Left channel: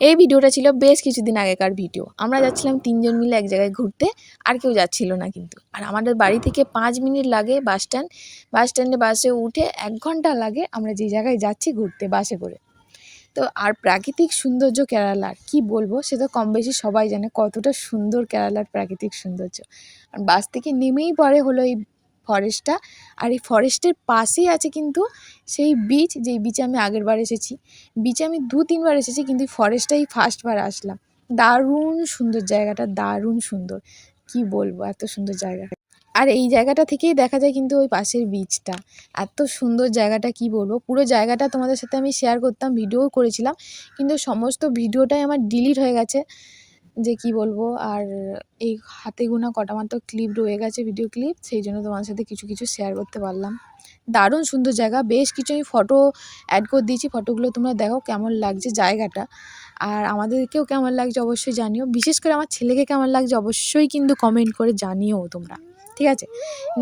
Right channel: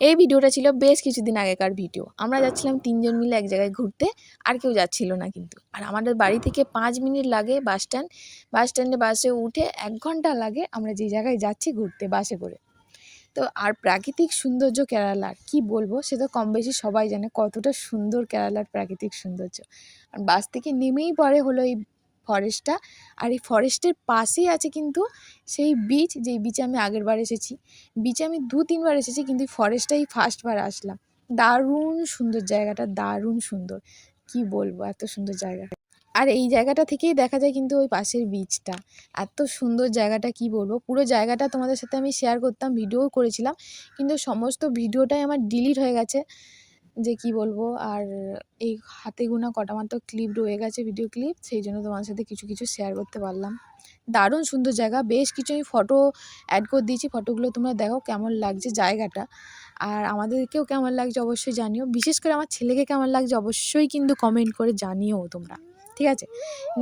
এই ভিডিওটা ছিল বেশ কিছুদিন আগেকার ভিডিও। আমরা যাচ্ছিলাম ৩ জন মিলে এক জায়গায় ঘুরতে, আর কেউ যাচ্ছিল না কিন্তু। আর আমাদের বাড়ি থেকে ৫ মিনিট লাগে বাস স্ট্যান্ড। বাস স্ট্যান্ডে বাসে উঠে ১ ঘন্টা লাগে আমরা যে জায়গায় যাচ্ছি ঘুরতে বাসে করে। তো আর প্রাকৃতিক সৌন্দর্য কেরালার কী বলবো, সে তো কম বেশি সবাই জানে কতটা সুন্দর কেরালার প্রাকৃতিক সৌন্দর্য। আর বাস থেকে নেমেই পরে হলো এই ফরেস্টটা, আর এই ফরেস্টের পাশেই আছে কিন্তু সেই বিচ, যেই বিচে আমি আগের বার এসেছি। বিচে আমি ২-৩ বার এসেছি, কিন্তু এই ফরেস্টটাই ফার্স্ট বার আসলাম। দারুণ সুন্দর জায়গাটা, দারুণ সুন্দর, কি বলবো, এত সুন্দর জায়গা। আর এই জায়গাটা থেকেই দেখা যায় কিন্তু ওই পাশের বিচটা। এত সুন্দর জায়গাটা, কি বলবো, পুরো জায়গাটা তোমাদের সাথে আমি শেয়ার করতাম, ভিডিও করেছিলাম, কিন্তু সমস্ত ভিডিওটাই আমার ডিলিট হয়ে গেছে, যে কি বলবো। আর এই হাতে গোনা কটা মাত্র ক্লিপ রয়ে গেছে, ভিডিও ক্লিপ, সেই জন্য তোমাদের সাথে কিছু কিছু শেয়ার করতে পারলাম। দারুণ সুন্দর জায়গা, বেশ কিছু আমি ফটো অ্যাড করে দিয়েছি, ফটোগুলো তোমরা দেখো কেমন লাগছে জায়গাটা। আর আমাদেরকেও কেমন লাগছে অবশ্যই জানিও, বিশেষ করে আমার ছেলেকে কেমন লাগছে অবশ্যই কিন্তু কমেন্ট করে জানিও তোমরা, ঠিক আছে?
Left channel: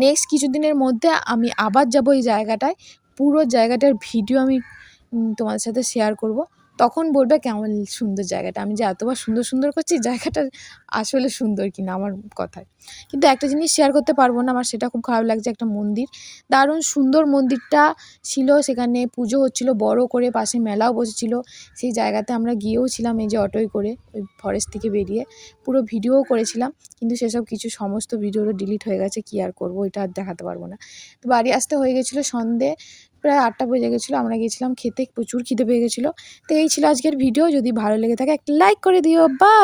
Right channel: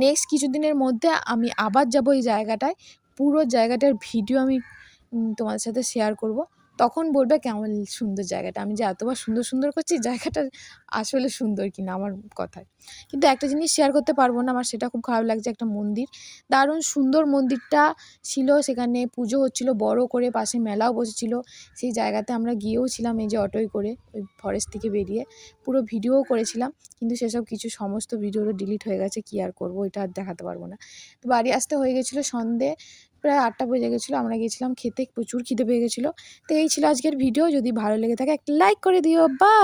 নেক্সট কিছুদিনের মধ্যে আমি আবার যাব এই জায়গাটায়, পুরো জায়গাটার ভিডিও আমি তোমাদের সাথে শেয়ার করব। তখন বলবে কেমন সুন্দর জায়গাটা, আমি যে এতবার সুন্দর সুন্দর করছি, জায়গাটা আসলে সুন্দর কিনা আমার কথায়। কিন্তু একটা জিনিস শেয়ার করতে পারবো না, আমার সেটা খুব খারাপ লাগছে। একটা মন্দির, দারুণ সুন্দর মন্দিরটা ছিল, সেখানে পুজো হচ্ছিল বড় করে, পাশে মেলাও বসেছিল। সেই জায়গাতে আমরা গিয়েও ছিলাম, এই যে অটোয় করে ওই ফরেস্ট থেকে বেরিয়ে পুরো ভিডিওও করেছিলাম, কিন্তু সেসব কিছু সমস্ত ভিডিওগুলো ডিলিট হয়ে গেছে, কি আর করবো, এটা আর দেখাতে পারবো না। তো বাড়ি আসতে হয়ে গেছিলো সন্ধে, প্রায় ৮টা বেজে গেছিলো, আমরা গিয়েছিলাম খেতে, প্রচুর খিদে পেয়ে গেছিলো। তো এই ছিল আজকের ভিডিও, যদি ভালো লেগে থাকে একটা লাইক করে দিও, বা